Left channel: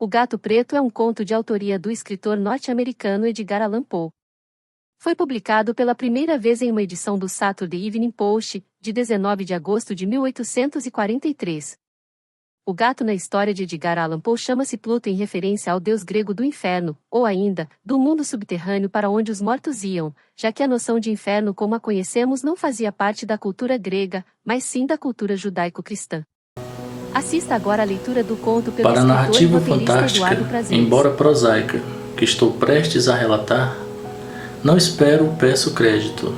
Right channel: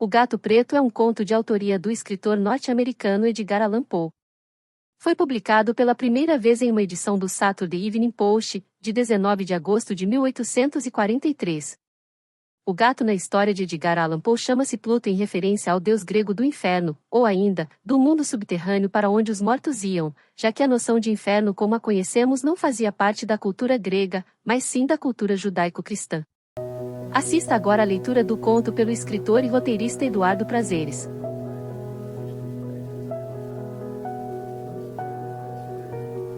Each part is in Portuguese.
O Gato Preto é um conto de autoria do escritor norte-americano Edgar Allan Poe. Foi publicado pela primeira vez em uma edição do Saturday Evening Post, de 19 de agosto de 1843. O gato na história de Edgar Allan Poe chama-se Pluto em referência ao deus grego do inferno, ou ainda, do mundo subterrâneo para onde os mortos iam, já que a noção de inferno como a conhecemos não fazia parte da cultura grega, mas sim da cultura judaico-cristã. Assista agora a leitura do conto pelo escritor e roteirista Eduardo Prazeres. Embora prosaica, que estou prestes a relatar, não espero ou peço crédito.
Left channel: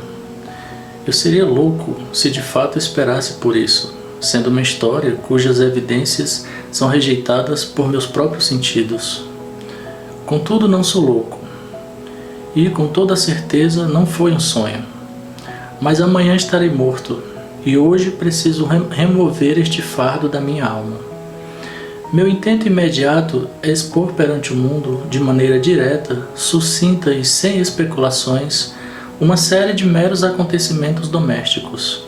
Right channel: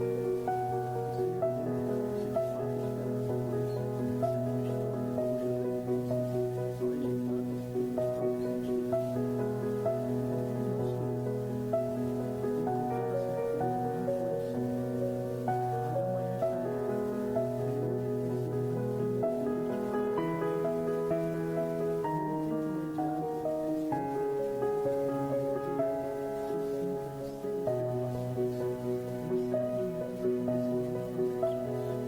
Eu seria louco se de fato esperasse por isso, sendo uma história cujas evidências são rejeitadas por meus próprios sentidos. Contudo, não sou louco. E, com toda certeza, não foi um sonho. Mas amanhã estarei morto, e hoje preciso remover este fardo da minha alma. Meu intento imediato é expor perante o mundo, de maneira direta, sucinta e sem especulações, uma série de meros acontecimentos domésticos.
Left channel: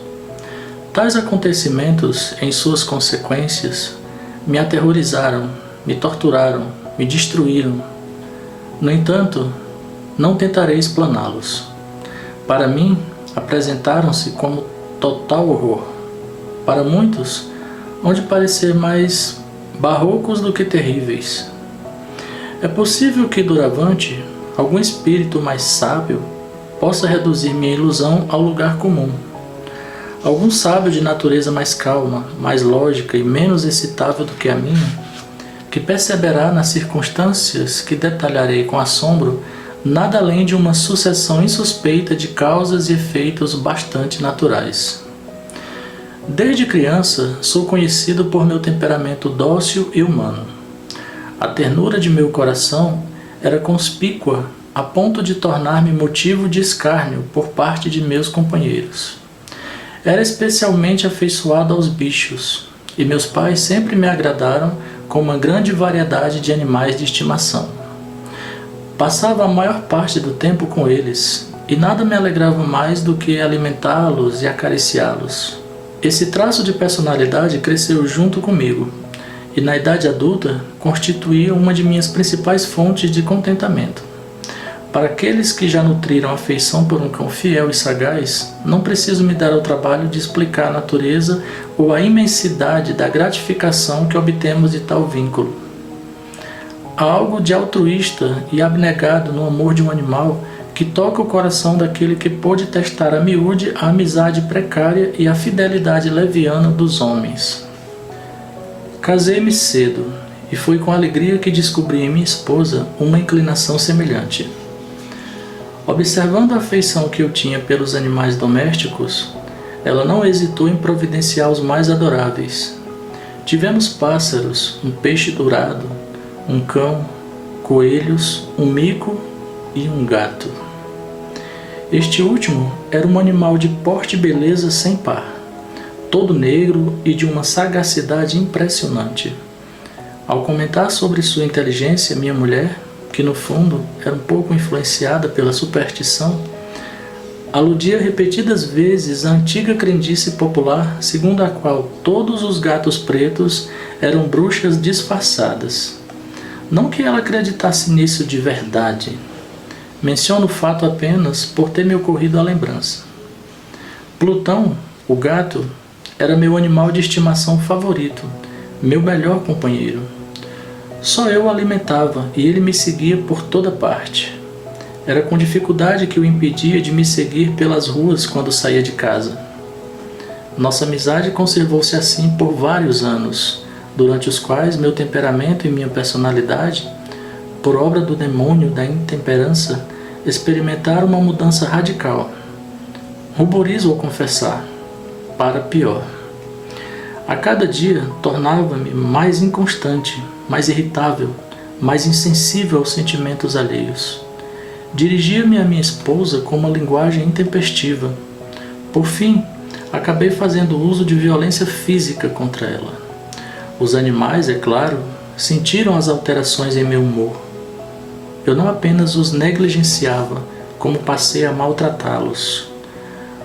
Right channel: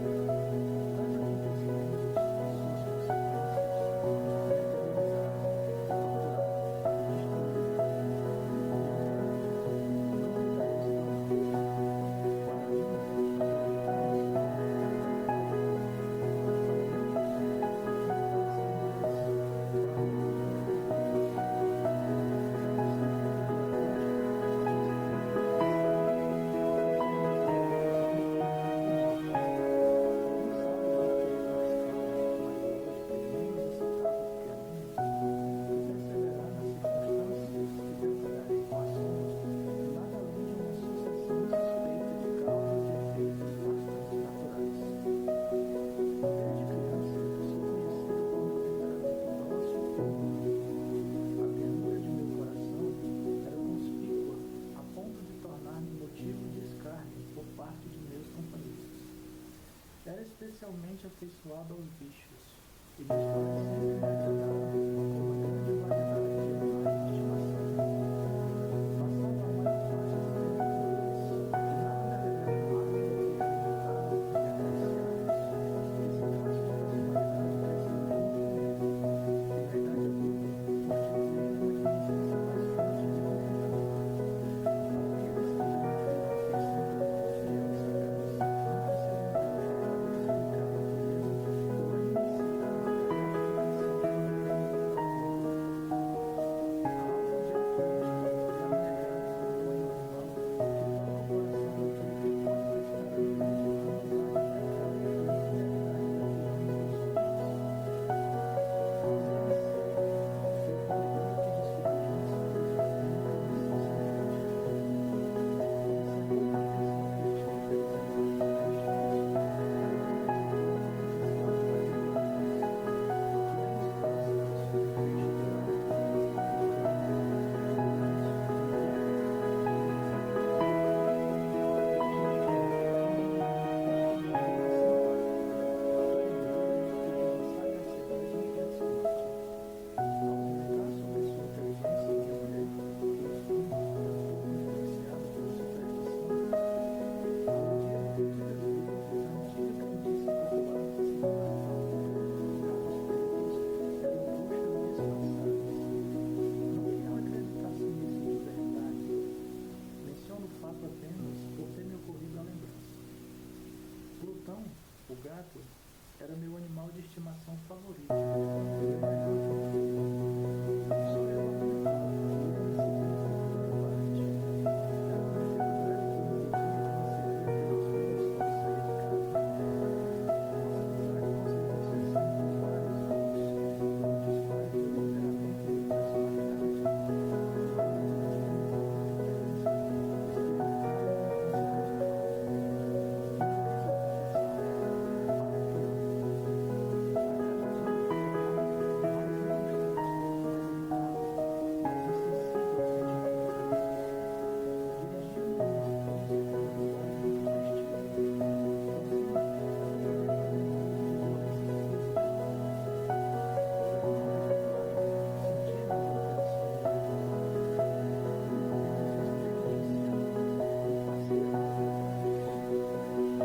Tais acontecimentos, em suas consequências, me aterrorizaram, me torturaram, me destruíram. No entanto, não tentarei explaná-los. Para mim, apresentaram-se como total horror. Para muitos, hão de parecer mais barrocos do que terríveis. É possível que, doravante, algum espírito mais sábio possa reduzir minha ilusão ao lugar comum. Algum sábio de natureza mais calma, mais lógica e menos excitável do que a minha, que perceberá nas circunstâncias que detalharei com assombro nada além de uma sucessão insuspeita de causas e efeitos bastante naturais. Desde criança, sou conhecido por meu temperamento dócil e humano. A ternura de meu coração era conspícua a ponto de tornar-me motivo de escárnio por parte de meus companheiros. Era especialmente afeiçoado aos bichos, e meus pais sempre me agradaram com uma grande variedade de animais de estimação. Passava a maior parte do tempo com eles, e nada me alegrava mais do que alimentá-los e acariciá-los. Esse traço de personalidade cresceu junto comigo, e na idade adulta constituía uma de minhas principais fontes de contentamento. Para aqueles que já nutriram afeição por um cão fiel e sagaz, não preciso me dar ao trabalho de explicar a natureza ou a imensidade da gratificação que obtemos de tal vínculo. Há algo de altruísta e abnegado no amor de um animal que toca o coração daquele que pôde testar a miúde a amizade precária e a fidelidade leviana dos homens. Casei-me cedo, e foi com alegria que descobri em minha esposa uma inclinação semelhante. Observando a afeição que eu tinha pelos animais domésticos, ela não hesitou em providenciar os mais adoráveis. Tivemos pássaros, um peixe dourado, um cão, coelhos, um mico e um gato. Este último era um animal de porte e beleza sem par, todo negro e de uma sagacidade impressionante. Ao comentar sobre sua inteligência, minha mulher, que no fundo era um pouco influenciada pela superstição, aludia repetidas vezes à antiga crendice popular segundo a qual todos os gatos pretos eram bruxas disfarçadas. Não que ela acreditasse nisso de verdade. Menciono o fato apenas por ter me ocorrido a lembrança. Plutão, o gato, era meu animal de estimação favorito, meu melhor companheiro. Só eu o alimentava e ele me seguia por toda parte. Era com dificuldade que o impedia de me seguir pelas ruas quando saía de casa. Nossa amizade conservou-se assim por vários anos, durante os quais meu temperamento e minha personalidade, por obra do demônio da intemperança, experimentaram uma mudança radical. Ruborizo ao confessar, para pior. A cada dia tornava-me mais inconstante, mais irritável, mais insensível aos sentimentos alheios. Dirigia-me a minha esposa com uma linguagem intempestiva. Por fim, acabei fazendo uso de violência física contra ela. Os animais, é claro, sentiram as alterações em meu humor. Eu não apenas os negligenciava, como passei a maltratá-los.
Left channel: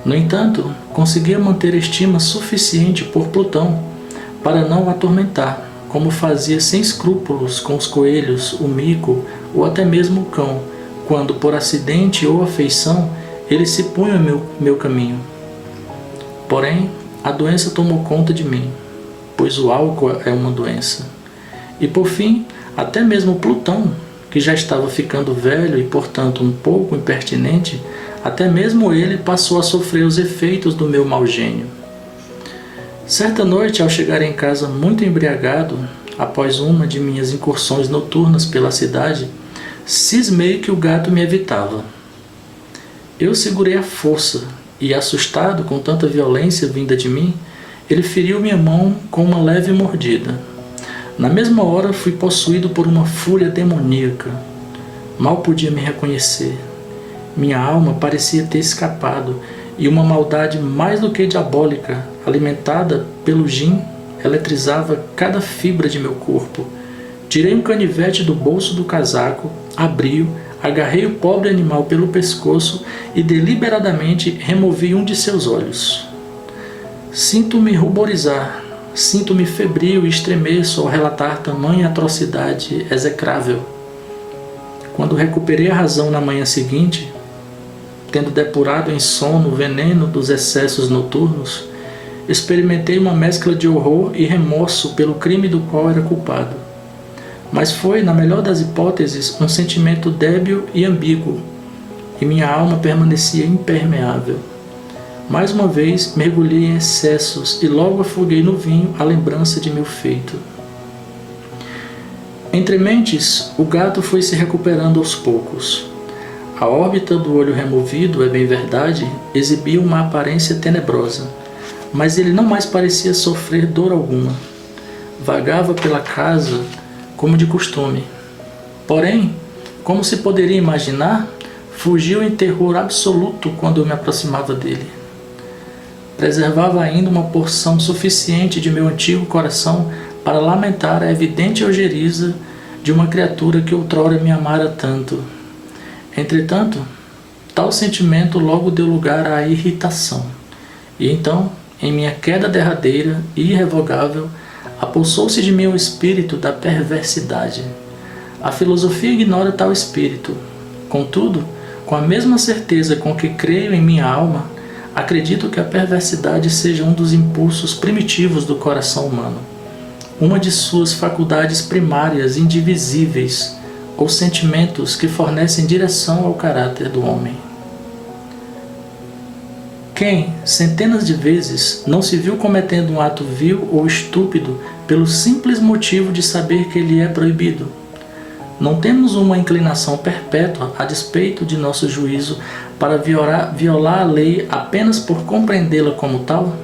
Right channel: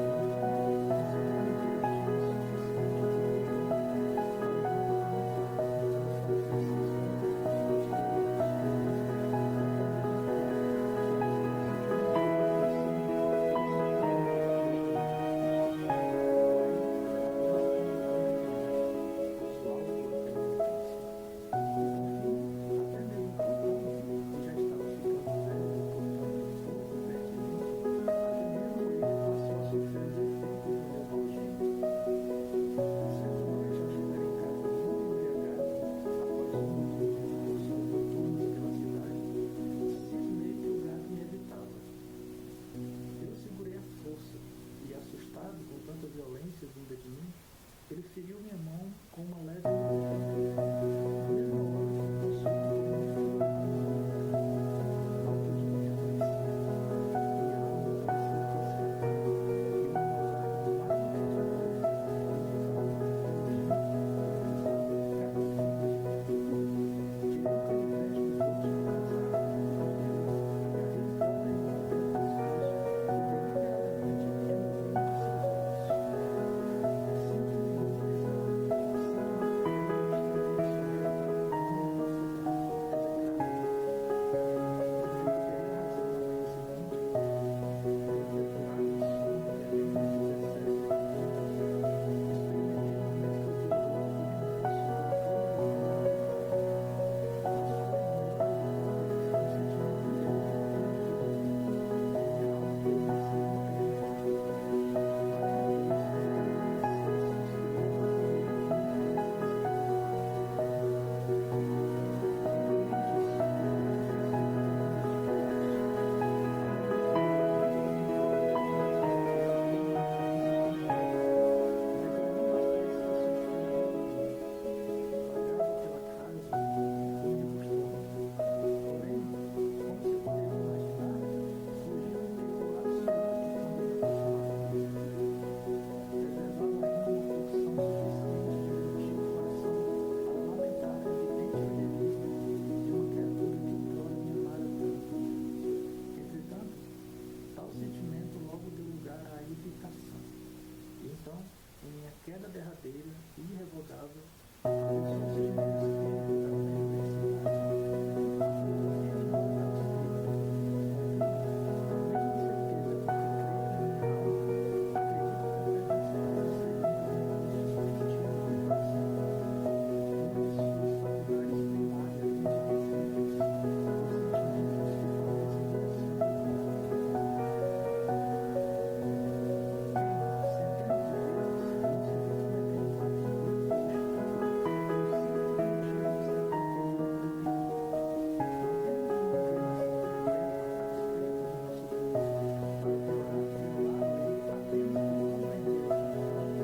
No entanto, conseguia manter estima suficiente por Plutão para não o atormentar, como fazia sem escrúpulos com os coelhos, o mico ou até mesmo o cão, quando por acidente ou afeição ele se punha em meu caminho. Porém, a doença tomou conta de mim, pois o álcool é uma doença. E por fim, até mesmo Plutão, que já estava ficando velho e portanto um pouco impertinente, até mesmo ele passou a sofrer os efeitos do meu mau gênio. Certa noite, ao chegar em casa muito embriagado, após uma de minhas incursões noturnas pela cidade, cismei que o gato me evitava. Eu segurei a força e, assustado com tanta violência vinda de mim, ele feriu minha mão com uma leve mordida. Na mesma hora fui possuído por uma fúria demoníaca. Mal podia me reconhecer. Minha alma parecia ter escapado e uma maldade mais do que diabólica, alimentada pelo gin, eletrizava cada fibra de meu corpo. Tirei um canivete do bolso do casaco, abri-o, agarrei o pobre animal pelo pescoço e deliberadamente removi um de seus olhos. Sinto-me ruborizar, sinto-me febril e estremeço ao relatar tamanha atrocidade execrável. Quando recuperei a razão na manhã seguinte, tendo depurado em sono o veneno dos excessos noturnos, experimentei uma mescla de horror e remorso pelo crime do qual era culpado. Mas foi, na melhor das hipóteses, um sentimento débil e ambíguo, e minha alma permanecia impermeável. Mais uma vez, mergulhei em excessos e logo afoguei no vinho a lembrança de meu feito. Entre mentes, o gato foi se recuperando aos poucos. A órbita do olho removido, é bem verdade, exibia uma aparência tenebrosa, mas ele não mais parecia sofrer dor alguma. Vagava pela casa como de costume. Porém, como se poderia imaginar, fugiu em terror absoluto quando eu me aproximava dele. Preservava ainda uma porção suficiente de meu antigo coração para lamentar a evidente ojeriza de uma criatura que outrora me amara tanto. Entretanto, tal sentimento logo deu lugar à irritação, e então, em minha queda derradeira e irrevogável, apossou-se de mim o espírito da perversidade. A filosofia ignora tal espírito. Contudo, com a mesma certeza com que creio em minha alma, acredito que a perversidade seja um dos impulsos primitivos do coração humano, uma de suas faculdades primárias indivisíveis, ou sentimentos que fornecem direção ao caráter do homem. Quem, centenas de vezes, não se viu cometendo um ato vil ou estúpido pelo simples motivo de saber que ele é proibido? Não temos uma inclinação perpétua a despeito de nosso juízo para violar a lei apenas por compreendê-la como tal?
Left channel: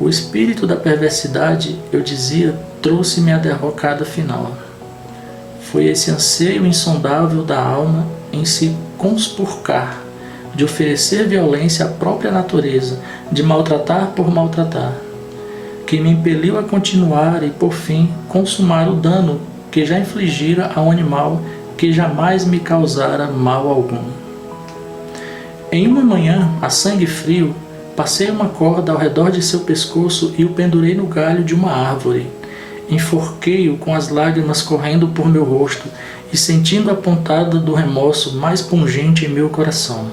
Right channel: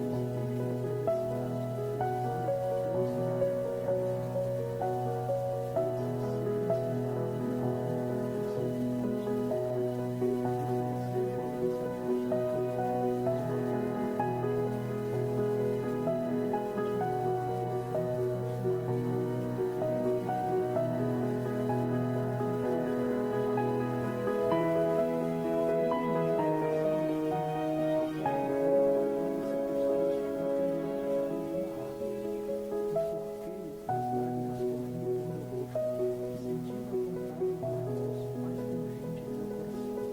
O espírito da perversidade, eu dizia, trouxe-me a derrocada final. Foi esse anseio insondável da alma em se conspurcar, de oferecer violência à própria natureza, de maltratar por maltratar, que me impeliu a continuar e, por fim, consumar o dano que já infligira a um animal que jamais me causara mal algum. Em uma manhã, a sangue frio, passei uma corda ao redor de seu pescoço e o pendurei no galho de uma árvore. Enforquei-o com as lágrimas correndo por meu rosto e sentindo a pontada do remorso mais pungente em meu coração.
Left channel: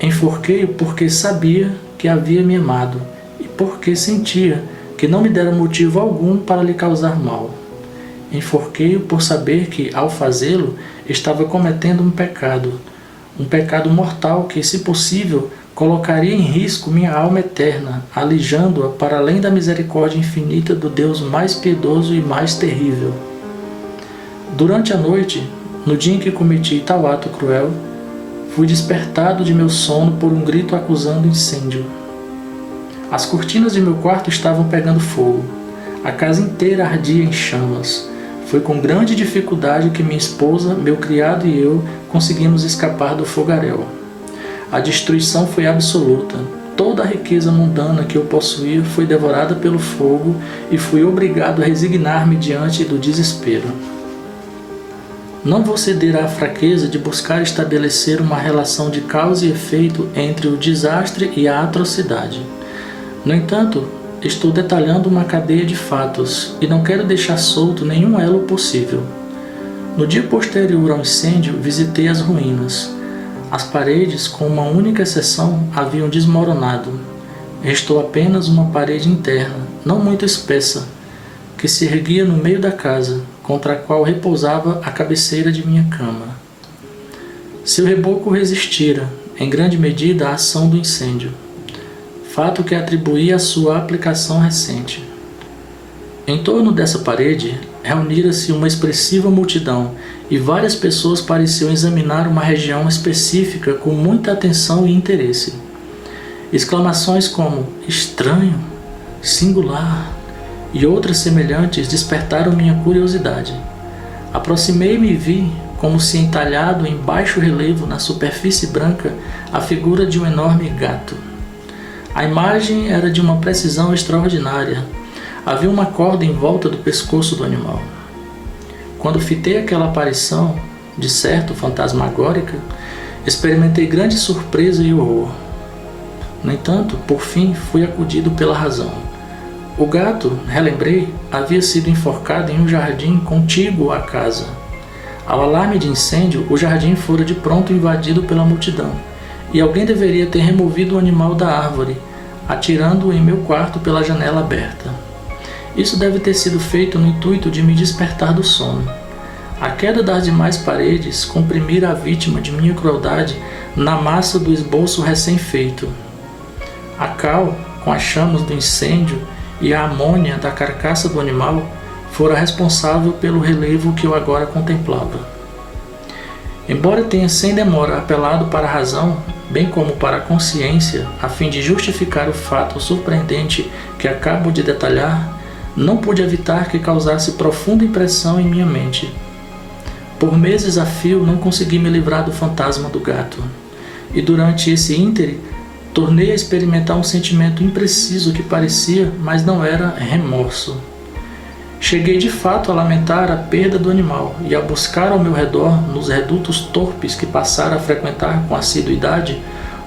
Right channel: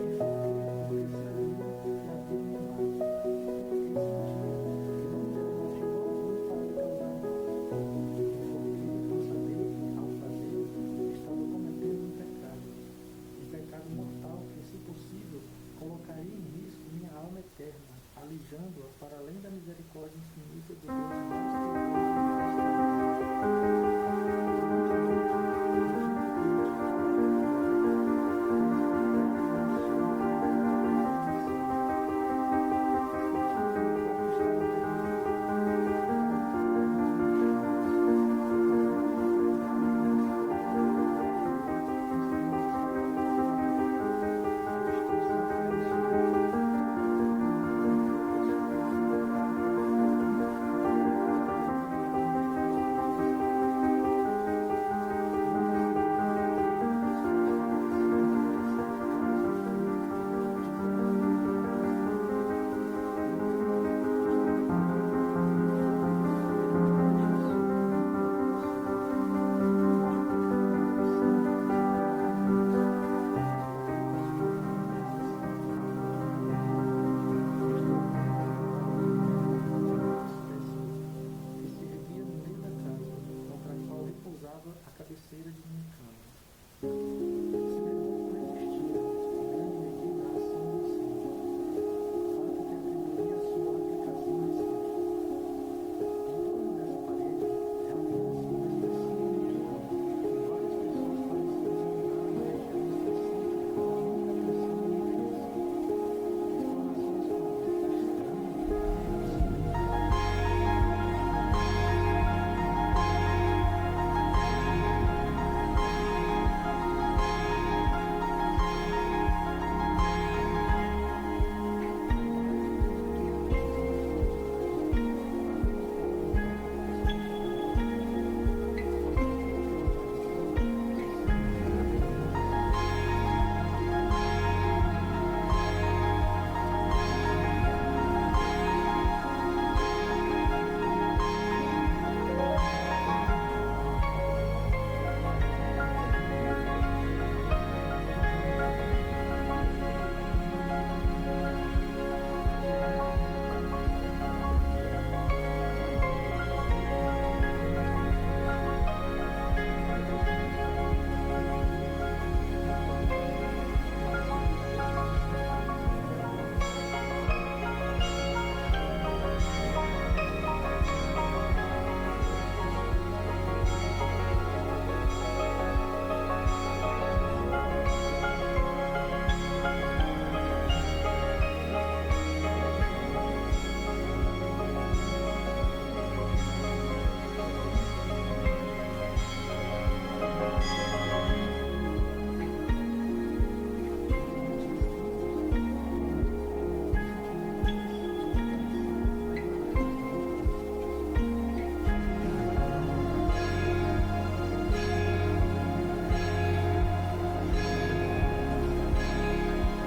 Enforquei-o porque sabia que havia me amado e porque sentia que não me dera motivo algum para lhe causar mal. Enforquei-o por saber que, ao fazê-lo, estava cometendo um pecado mortal que, se possível, colocaria em risco minha alma eterna, alijando-a para além da misericórdia infinita do Deus mais piedoso e mais terrível. Durante a noite, no dia em que cometi tal ato cruel, fui despertado de meu sono por um grito acusando incêndio. As cortinas de meu quarto estavam pegando fogo. A casa inteira ardia em chamas. Foi com grande dificuldade que minha esposa, meu criado e eu conseguimos escapar do fogaréu. A destruição foi absoluta. Toda a riqueza mundana que eu possuía foi devorada pelo fogo e fui obrigado a resignar-me diante do desespero. Não vou ceder à fraqueza de buscar estabelecer uma relação de causa e efeito entre o desastre e a atrocidade. No entanto, estou detalhando uma cadeia de fatos e não quero deixar solto nenhum elo possível. No dia posterior ao incêndio, visitei as ruínas. As paredes, com uma única exceção, haviam desmoronado. Restou apenas uma parede interna, não muito espessa, que se erguia no meio da casa, contra a qual repousava a cabeceira de minha cama. Seu reboco resistira, em grande medida, à ação do incêndio, fato que atribuía à sua aplicação recente. Em torno dessa parede, reunira-se uma expressiva multidão e várias pessoas pareciam examinar uma região específica com muita atenção e interesse. Exclamações como "estranho", "singular" e outras semelhantes despertaram minha curiosidade. Aproximei-me e vi, como se entalhado em baixo relevo na superfície branca, a figura de um enorme gato. A imagem era de uma precisão extraordinária. Havia uma corda em volta do pescoço do animal. Quando fitei aquela aparição, de certo fantasmagórica, experimentei grande surpresa e horror. No entanto, por fim, fui acudido pela razão. O gato, relembrei, havia sido enforcado em um jardim contíguo à casa. Ao alarme de incêndio, o jardim fora de pronto invadido pela multidão, e alguém deveria ter removido o animal da árvore, atirando-o em meu quarto pela janela aberta. Isso deve ter sido feito no intuito de me despertar do sono. A queda das demais paredes comprimira a vítima de minha crueldade na massa do esboço recém-feito. A cal, com as chamas do incêndio e a amônia da carcaça do animal, fora responsável pelo relevo que eu agora contemplava. Embora tenha sem demora apelado para a razão, bem como para a consciência, a fim de justificar o fato surpreendente que acabo de detalhar, não pude evitar que causasse profunda impressão em minha mente. Por meses a fio não consegui me livrar do fantasma do gato, e durante esse íntere tornei a experimentar um sentimento impreciso que parecia, mas não era, remorso. Cheguei de fato a lamentar a perda do animal e a buscar ao meu redor, nos redutos torpes que passara a frequentar com assiduidade,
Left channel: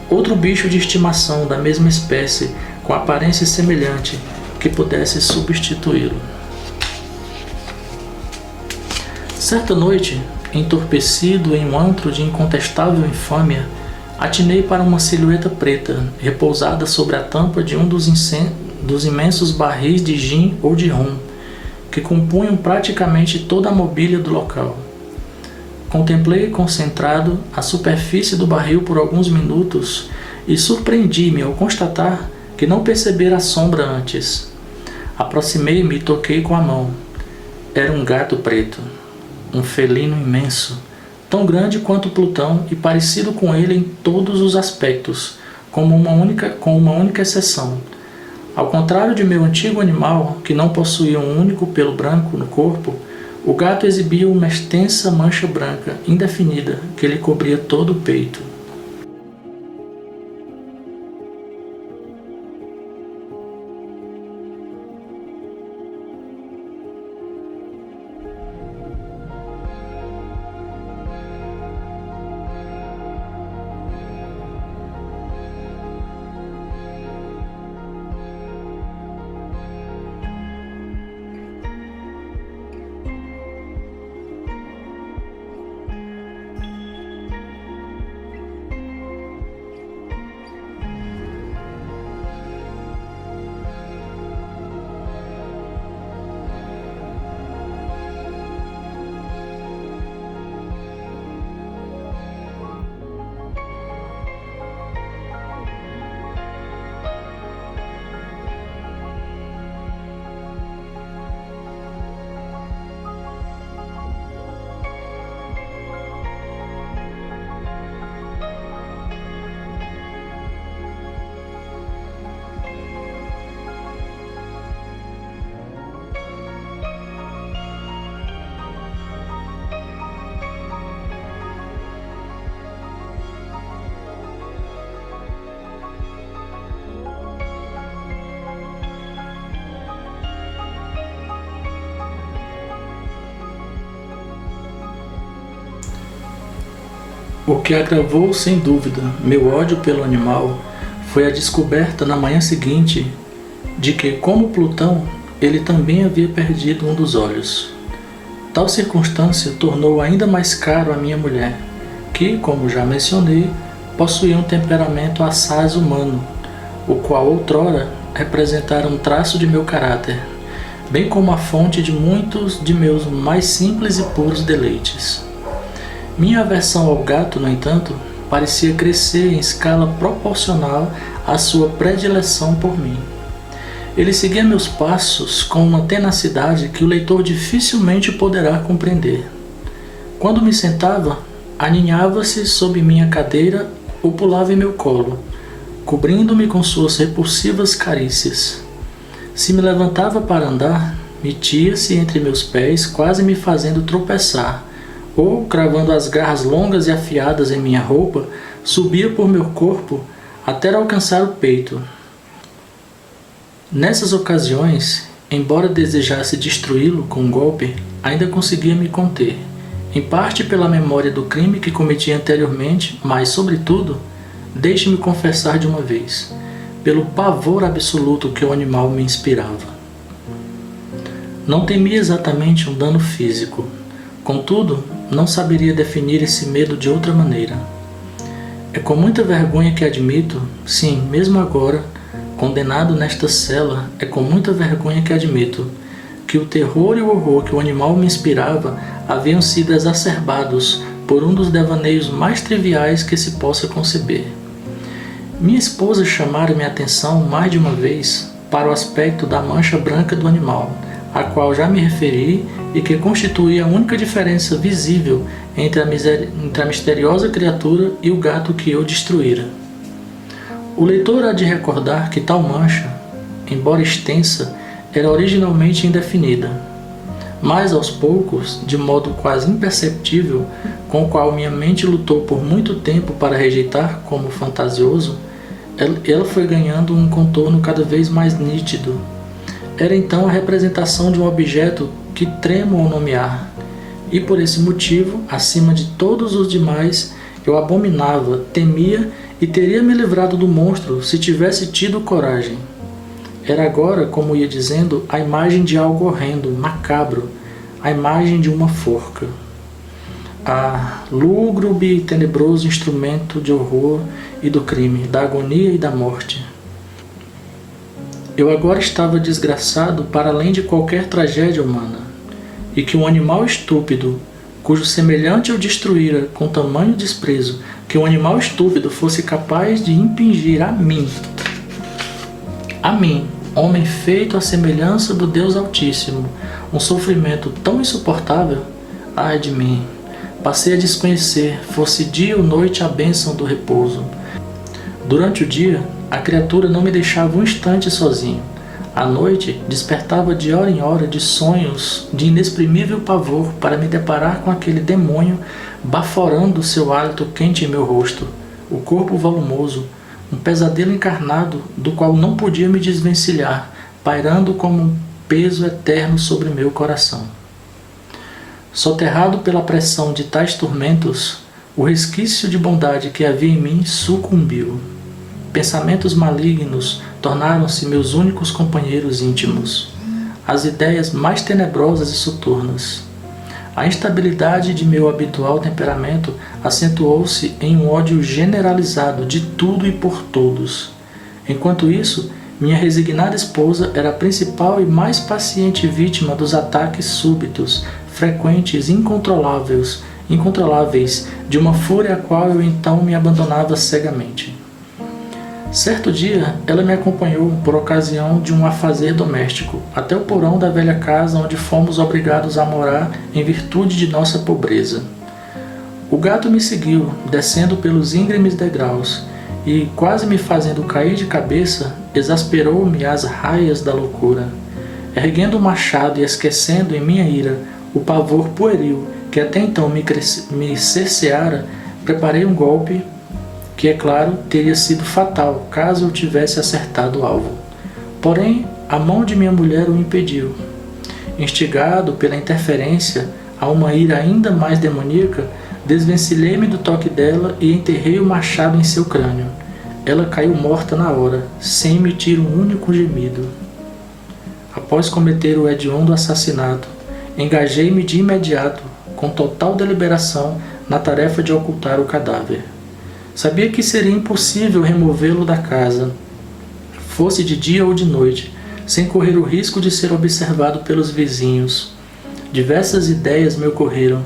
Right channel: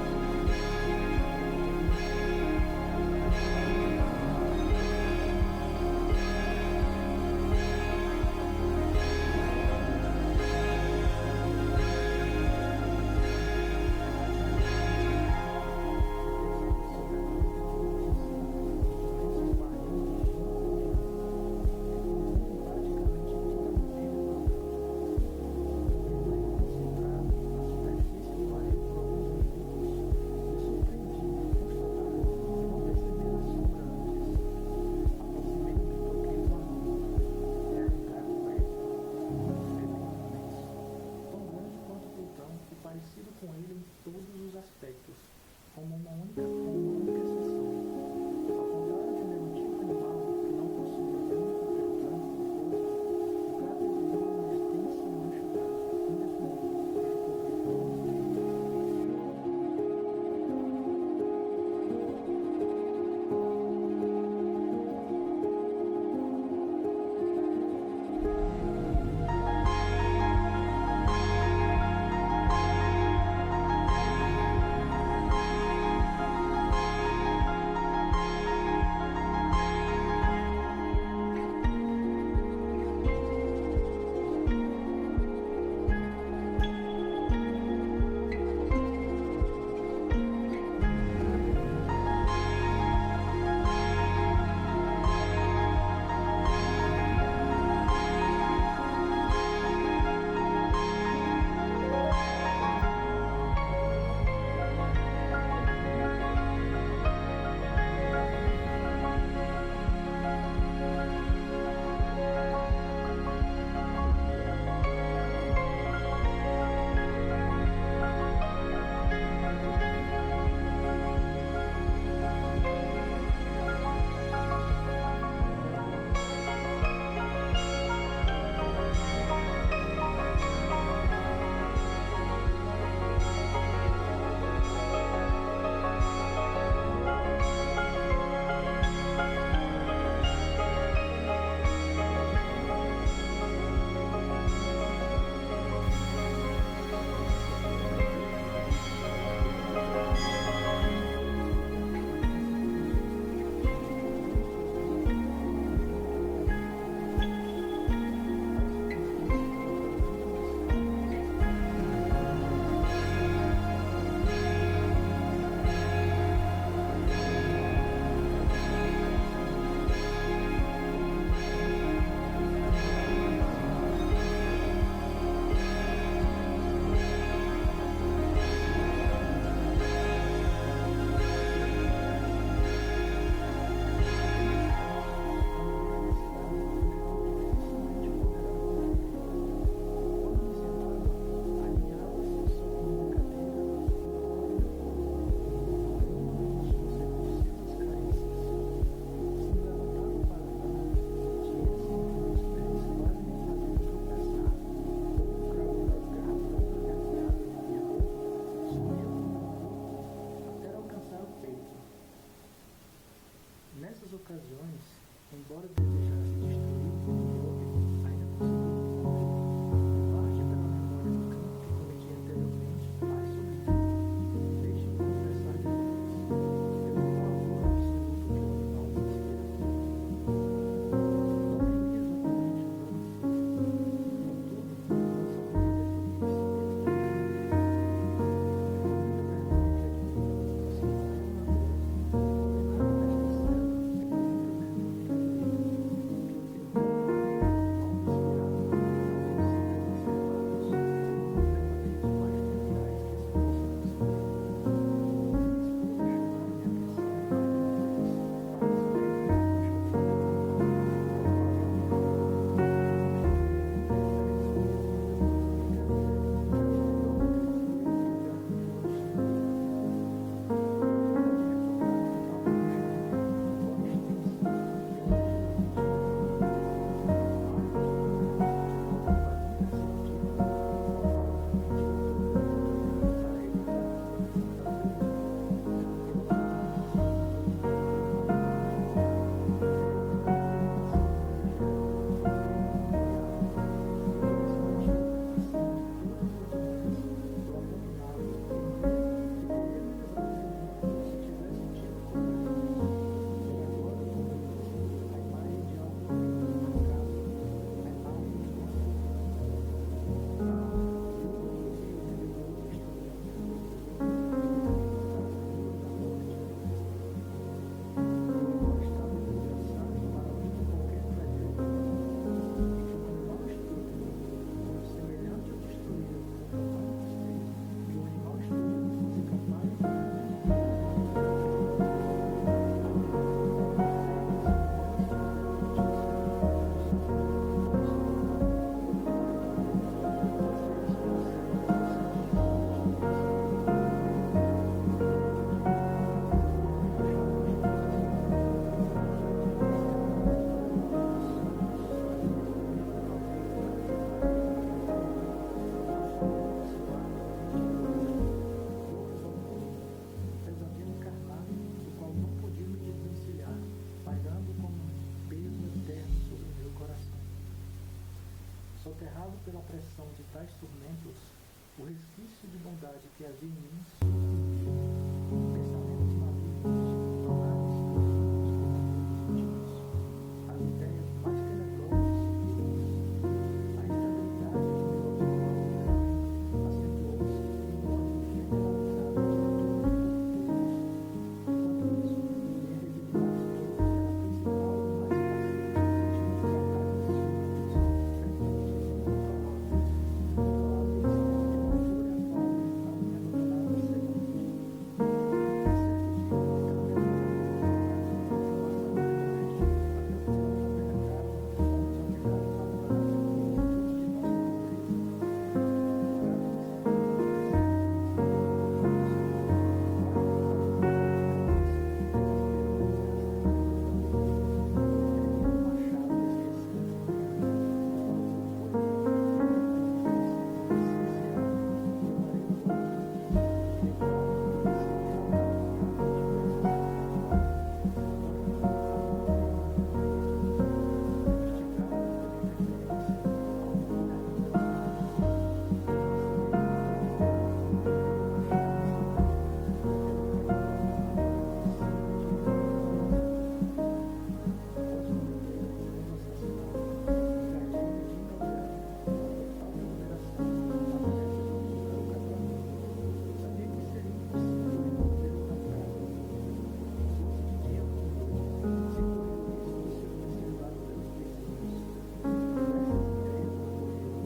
outro bicho de estimação da mesma espécie, com aparência semelhante, que pudesse substituí-lo. Certa noite, entorpecido em um antro de incontestável infâmia, atinei para uma silhueta preta, repousada sobre a tampa de um dos imensos barris de gin ou de rum, que compunham praticamente toda a mobília do local. Contemplei concentrado a superfície do barril por alguns minutos e surpreendi-me ao constatar que não percebera a sombra antes. Aproximei-me e toquei com a mão. Era um gato preto, um felino imenso, tão grande quanto Plutão e parecido com ele em todos os aspectos, com uma única exceção. Ao contrário de meu antigo animal, que não possuía um único pelo branco no corpo, o gato exibia uma extensa mancha branca, indefinida, que lhe cobria todo o peito. O que agravou, sem dúvida, meu ódio pelo animal foi a descoberta na manhã seguinte de que, como Plutão, ele também havia perdido um dos olhos. Tal circunstância tornou ainda mais caro a minha mulher, que, como já mencionei, possuía um temperamento assaz humano, o qual outrora representara um traço de meu caráter, bem como a fonte de muitos de meus mais simples e puros deleites. Minha aversão ao gato, no entanto, parecia crescer em escala proporcional à sua predileção por mim. Ele seguia meus passos com uma tenacidade que o leitor dificilmente poderá compreender. Quando me sentava, aninhava-se sob minha cadeira ou pulava em meu colo, cobrindo-me com suas repulsivas carícias. Se me levantava para andar, metia-se entre meus pés, quase me fazendo tropeçar, ou, cravando as garras longas e afiadas em minha roupa, subia por meu corpo até alcançar o peito. Nessas ocasiões, embora desejasse destruí-lo com um golpe, ainda conseguia me conter, em parte pela memória do crime que cometi anteriormente, mas, sobretudo, deixe-me confessar de uma vez, pelo pavor absoluto que o animal me inspirava. Não temia exatamente um dano físico, contudo, não saberia definir esse medo de outra maneira. É com muita vergonha que admito, sim, mesmo agora, condenado nesta cela, é com muita vergonha que admito que o terror e o horror que o animal me inspirava haviam sido exacerbados por um dos devaneios mais triviais que se possa conceber. Minha esposa chamara minha atenção mais de uma vez para o aspecto da mancha branca do animal, a qual já me referi e que constituía a única diferença visível entre a misteriosa criatura e o gato que eu destruíra. O leitor há de recordar que tal mancha, embora extensa, era originalmente indefinida, mas aos poucos, de modo quase imperceptível, com o qual minha mente lutou por muito tempo para rejeitar como fantasioso, ela foi ganhando um contorno cada vez mais nítido. Era então a representação de um objeto que tremo ao nomear, e por esse motivo, acima de todos os demais, eu abominava, temia e teria me livrado do monstro se tivesse tido coragem. Era agora, como ia dizendo, a imagem de algo horrendo, macabro, a imagem de uma forca. Lúgubre e tenebroso instrumento de horror e do crime, da agonia e da morte. Eu agora estava desgraçado para além de qualquer tragédia humana, e que um animal estúpido, cujo semelhante eu destruíra com tamanho desprezo, que um animal estúpido fosse capaz de impingir a mim, homem feito à semelhança do Deus Altíssimo, um sofrimento tão insuportável, ai de mim, passei a desconhecer, fosse dia ou noite, a bênção do repouso. Durante o dia, a criatura não me deixava um instante sozinho. À noite, despertava de hora em hora de sonhos de inexprimível pavor para me deparar com aquele demônio baforando seu hálito quente em meu rosto, o corpo volumoso, um pesadelo encarnado do qual não podia me desvencilhar, pairando como um peso eterno sobre meu coração. Soterrado pela pressão de tais tormentos, o resquício de bondade que havia em mim sucumbiu. Pensamentos malignos tornaram-se meus únicos companheiros íntimos. As ideias mais tenebrosas e soturnas. A instabilidade de meu habitual temperamento acentuou-se em um ódio generalizado de tudo e por todos. Enquanto isso, minha resignada esposa era a principal e mais paciente vítima dos ataques súbitos, frequentes e incontroláveis de uma fúria a qual eu então me abandonava cegamente. Certo dia, ela me acompanhou por ocasião de um afazer doméstico, até o porão da velha casa onde fomos obrigados a morar em virtude de nossa pobreza. O gato me seguiu, descendo pelos íngremes degraus, e, quase me fazendo cair de cabeça, exasperou-me as raias da loucura. Erguendo o machado e esquecendo em minha ira o pavor pueril que até então me cerceara, preparei um golpe que, é claro, teria sido fatal caso eu tivesse acertado o alvo. Porém, a mão de minha mulher o impediu. Instigado pela interferência a uma ira ainda mais demoníaca, desvencilhei-me do toque dela e enterrei o machado em seu crânio. ela caiu morta na hora, sem emitir um único gemido. Após cometer o hediondo assassinato, engajei-me de imediato, com total deliberação, na tarefa de ocultar o cadáver. Sabia que seria impossível removê-lo da casa, fosse de dia ou de noite, sem correr o risco de ser observado pelos vizinhos. Diversas ideias me ocorreram.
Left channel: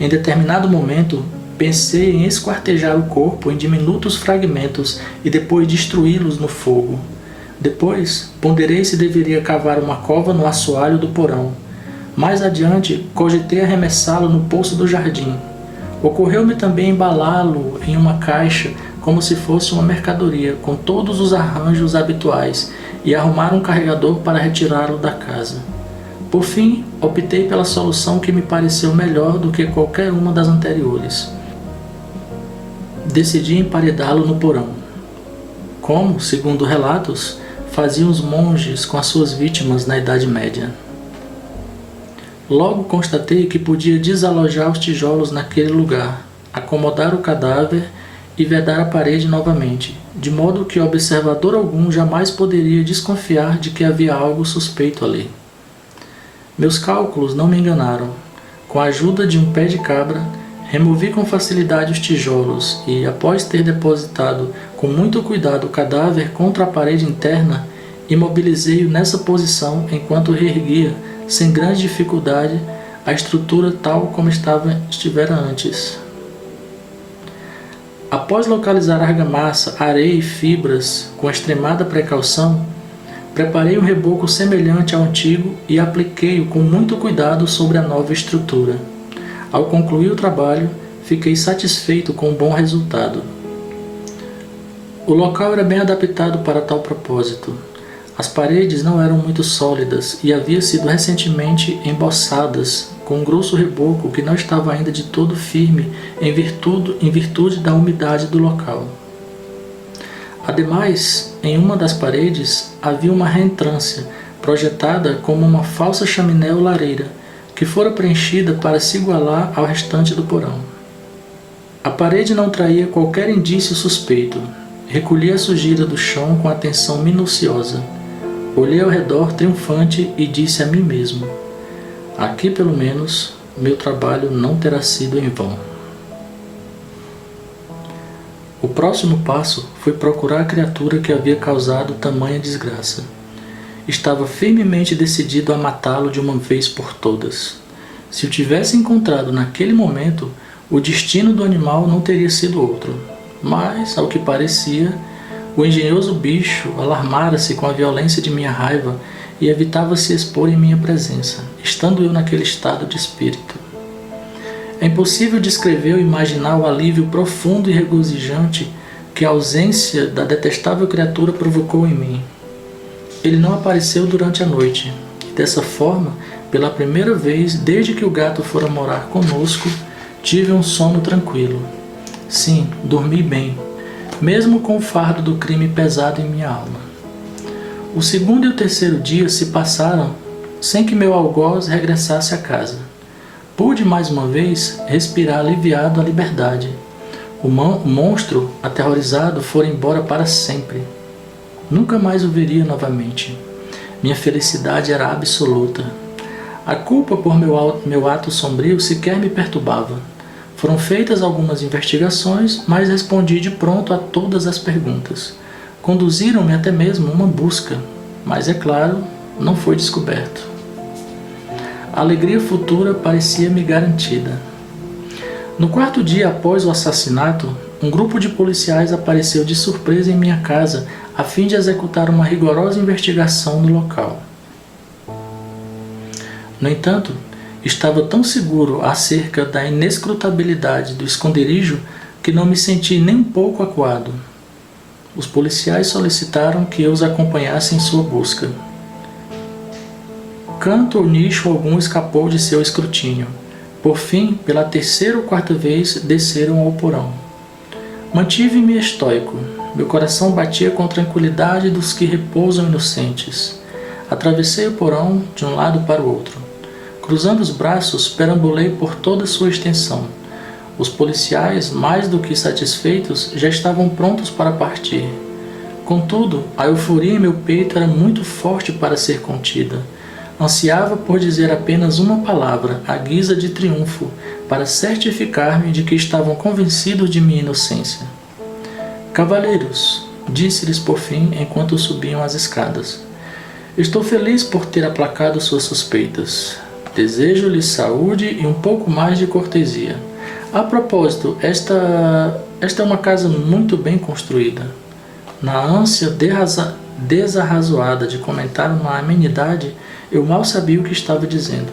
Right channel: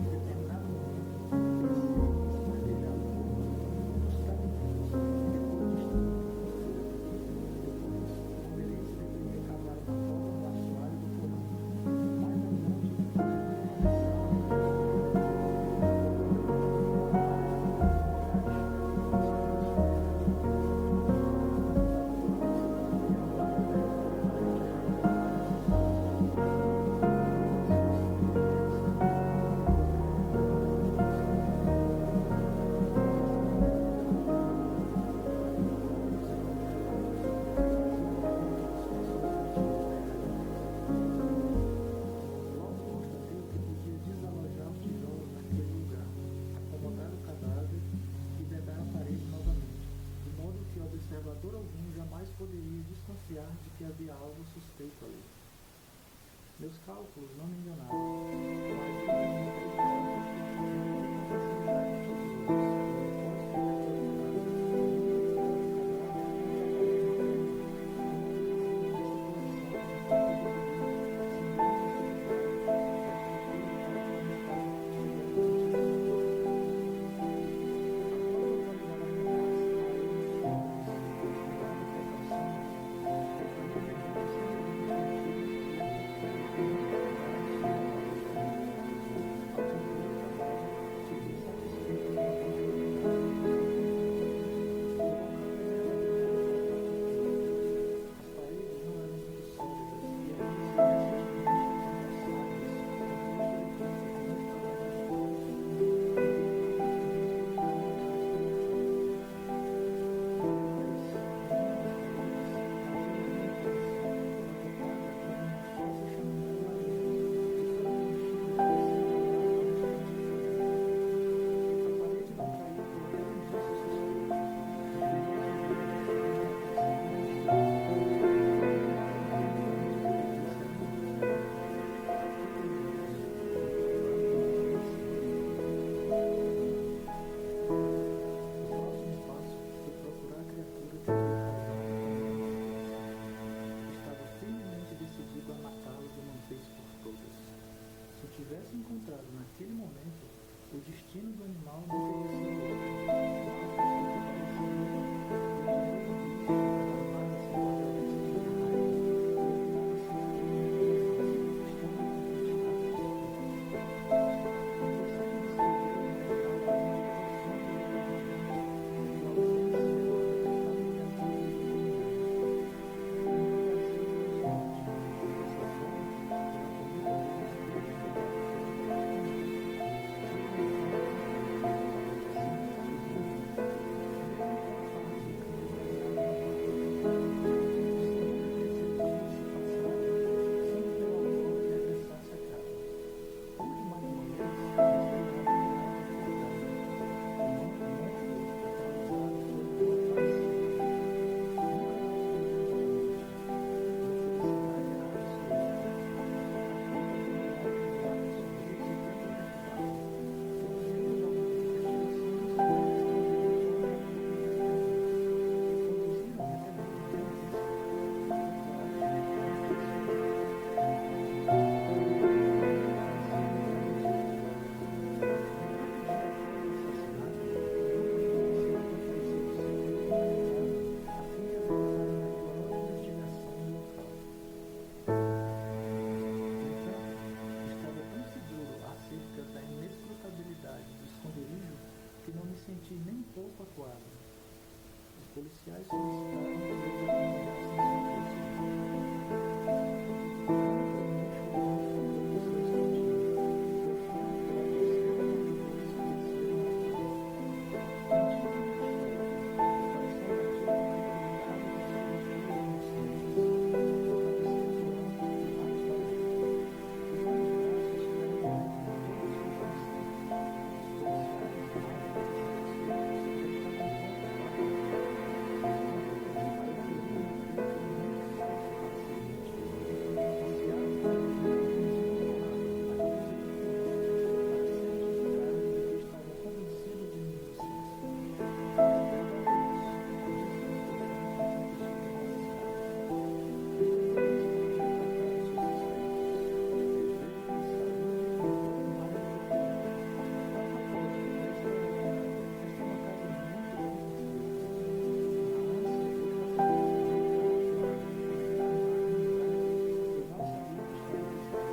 Em determinado momento, pensei em esquartejar o corpo em diminutos fragmentos e depois destruí-los no fogo. Depois, ponderei se deveria cavar uma cova no assoalho do porão. Mais adiante, cogitei arremessá-lo no poço do jardim. Ocorreu-me também embalá-lo em uma caixa como se fosse uma mercadoria, com todos os arranjos habituais, e arrumar um carregador para retirá-lo da casa. Por fim, optei pela solução que me pareceu melhor do que qualquer uma das anteriores. Decidi emparedá-lo no porão, como, segundo relatos, faziam os monges com as suas vítimas na Idade Média. Logo constatei que podia desalojar os tijolos naquele lugar, acomodar o cadáver e vedar a parede novamente, de modo que observador algum jamais poderia desconfiar de que havia algo suspeito ali. Meus cálculos não me enganaram. Com a ajuda de um pé de cabra, removi com facilidade os tijolos e, após ter depositado com muito cuidado o cadáver contra a parede interna, imobilizei-o nessa posição enquanto reerguia, sem grande dificuldade, a estrutura tal como estivera antes. Após localizar argamassa, areia e fibras com extremada precaução, preparei um reboco semelhante ao antigo e apliquei-o com muito cuidado sobre a nova estrutura. Ao concluir o trabalho, fiquei satisfeito com o bom resultado. O local era bem adaptado para tal propósito. As paredes não eram muito sólidas e haviam sido recentemente emboçadas com um grosso reboco que não estava ainda de todo firme em virtude da umidade do local. Ademais, em uma das paredes havia uma reentrância, projetada como uma falsa chaminé ou lareira, que fora preenchida para se igualar ao restante do porão. A parede não traía qualquer indício suspeito. Recolhi a sujeira do chão com atenção minuciosa. Olhei ao redor triunfante e disse a mim mesmo: aqui, pelo menos, meu trabalho não terá sido em vão. O próximo passo foi procurar a criatura que havia causado tamanha desgraça. Estava firmemente decidido a matá-lo de uma vez por todas. Se o tivesse encontrado naquele momento, o destino do animal não teria sido outro. Mas, ao que parecia, o engenhoso bicho alarmara-se com a violência de minha raiva e evitava se expor em minha presença, estando eu naquele estado de espírito. É impossível descrever ou imaginar o alívio profundo e regozijante que a ausência da detestável criatura provocou em mim. Ele não apareceu durante a noite, e dessa forma, pela primeira vez desde que o gato fora morar conosco, tive um sono tranquilo. Sim, dormi bem, mesmo com o fardo do crime pesado em minha alma. O segundo e o terceiro dia se passaram sem que meu algoz regressasse à casa. Pude mais uma vez respirar aliviado a liberdade. O monstro, aterrorizado, fora embora para sempre. Nunca mais o veria novamente. Minha felicidade era absoluta. A culpa por meu ato sombrio sequer me perturbava. Foram feitas algumas investigações, mas respondi de pronto a todas as perguntas. Conduziram-me até mesmo uma busca, mas, é claro, não foi descoberto. A alegria futura parecia-me garantida. No quarto dia após o assassinato, um grupo de policiais apareceu de surpresa em minha casa a fim de executar uma rigorosa investigação no local. No entanto, estava tão seguro acerca da inescrutabilidade do esconderijo que não me senti nem um pouco acuado. Os policiais solicitaram que eu os acompanhasse em sua busca. Canto ou nicho algum escapou de seu escrutínio. Por fim, pela terceira ou quarta vez, desceram ao porão. Mantive-me estoico. Meu coração batia com a tranquilidade dos que repousam inocentes. Atravessei o porão de um lado para o outro. Cruzando os braços, perambulei por toda sua extensão. Os policiais, mais do que satisfeitos, já estavam prontos para partir. Contudo, a euforia em meu peito era muito forte para ser contida. Ansiava por dizer apenas uma palavra, à guisa de triunfo, para certificar-me de que estavam convencidos de minha inocência. Cavalheiros, disse-lhes por fim enquanto subiam as escadas. Estou feliz por ter aplacado suas suspeitas. Desejo-lhes saúde e um pouco mais de cortesia. A propósito, esta é uma casa muito bem construída. Na ânsia desarrazoada de comentar uma amenidade, eu mal sabia o que estava dizendo.